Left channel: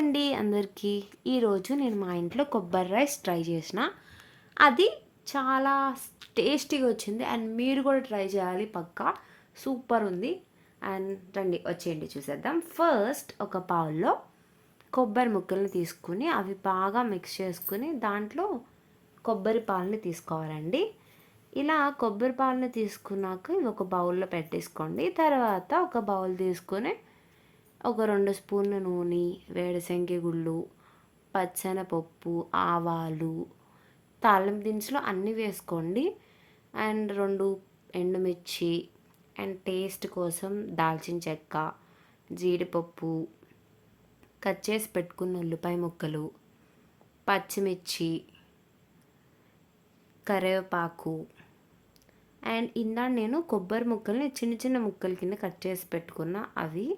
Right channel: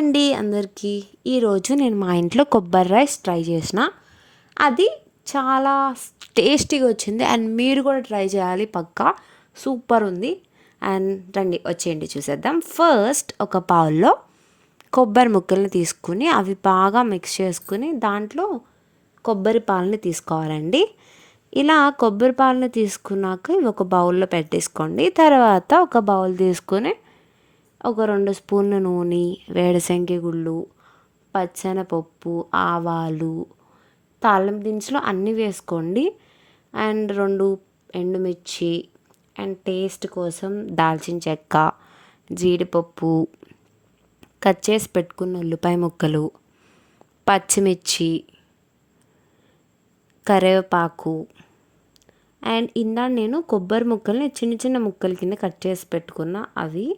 అండి అందరికీ. ఈరోజు నేను మా ఇంట్లో కొబ్బరి రైస్ ట్రై చేసిన. అది చాలా టేస్టీగా వచ్చింది అండ్ మీరు కూడా ట్రై చేయాలి పక్కా. సూపర్ ఉంది. అండ్ రండి వచ్చేయండి చూసేద్దాం. ఫస్ట్ ఒక బౌల్లో కొబ్బరి ముక్కల్ని తీసుకుని అవి బాగా మిక్స్ చేసుకుని దాంట్లో కొబ్బరి పాలని తీసుకోవాలండి. ఇలా కొబ్బరి పాలని తీసుకున్నాక ఇవి ఒక బౌల్లో పెట్టేసుకోండి. తర్వాత ఒక బౌల్ తీసుకుని ఒక 2 స్పూన్ల నూనె, వేరుశనగ గుళ్ళు, పచ్చెనపప్పు, ఆవాలు, తాలింపు దినుసులు అన్నీ వేసుకోండి. అండ్ 2 ఎండుమిర్చి అండ్ టేస్ట్ కోసం దాల్చిన చెక్క, జీడిపప్పు, కట్ చేసి పెట్టుకున్న ఉల్లిపాయ ముక్కలు, పచ్చిమిర్చి, కరివేపాకు అండ్ ఇందాక నేను కొబ్బరి ముక్కల్ని చిన్న చిన్న ముక్కల కింద కట్ చేసి పెట్టుకున్న అవి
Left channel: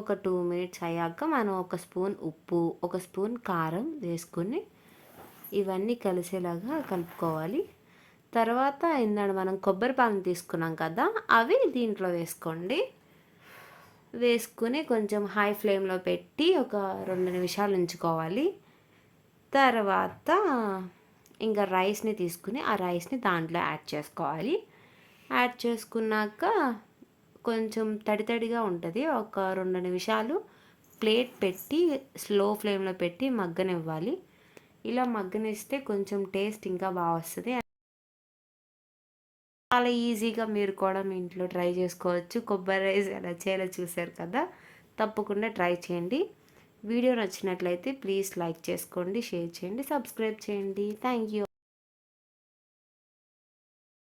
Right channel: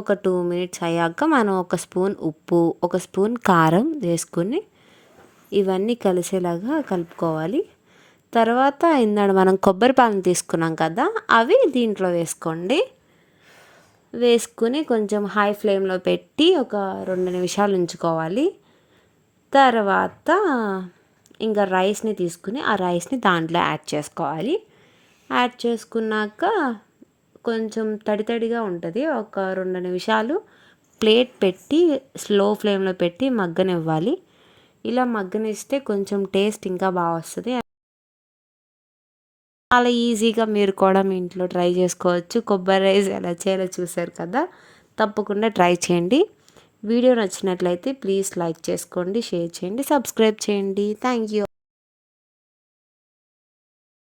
ఒక 2 మినిట్స్ అయ్యాక మనం ఒక స్పూన్ ఉప్పు, ఒక స్పూన్ కారం వేసుకుని ఇవన్నీ కలిసేలాగా కలుపుకోవాలి. తర్వాత ఇందాక మనం కొబ్బరి పాలను తీసుకున్నాం కదా, అవి దీంట్లో వేసుకోండి. వేసుకుని కొంచెం హై ఫ్లేమ్లో పెట్టి ఒక 2 నిమిషాలు ఉంచుకోవాలి. తర్వాత ఇంకా రైస్ని తీసుకుని ఆ రైస్ని దాంట్లో యాడ్ చేసుకోవాలి. యాడ్ చేసుకున్నాక కొంచెం తడి తడిగా ఉంటుంది. ఒక 2 నిమిషాలు ప్లేట్ పెట్టి స్లో ఫ్లేమ్లో పెట్టి మగ్గనివ్వాలి. ఇలా మగ్గనిస్తే కొంచెం టేస్ట్ ఇంకా బాగా వస్తుంది. చాలా ఈజీగా మీరు కూడా మీ ఇంట్లో ట్రై చేసుకోవచ్చు. కొబ్బరి రైస్ ఎలా చేయాలో చూసారు కదా, తప్పకుండా ట్రై చేయండి. వీడియో నచ్చినట్లయితే ప్లీజ్ లైక్ చేసుకోండి, షేర్ చేయండి, సబ్స్క్రైబ్ చేయండి. Thank you.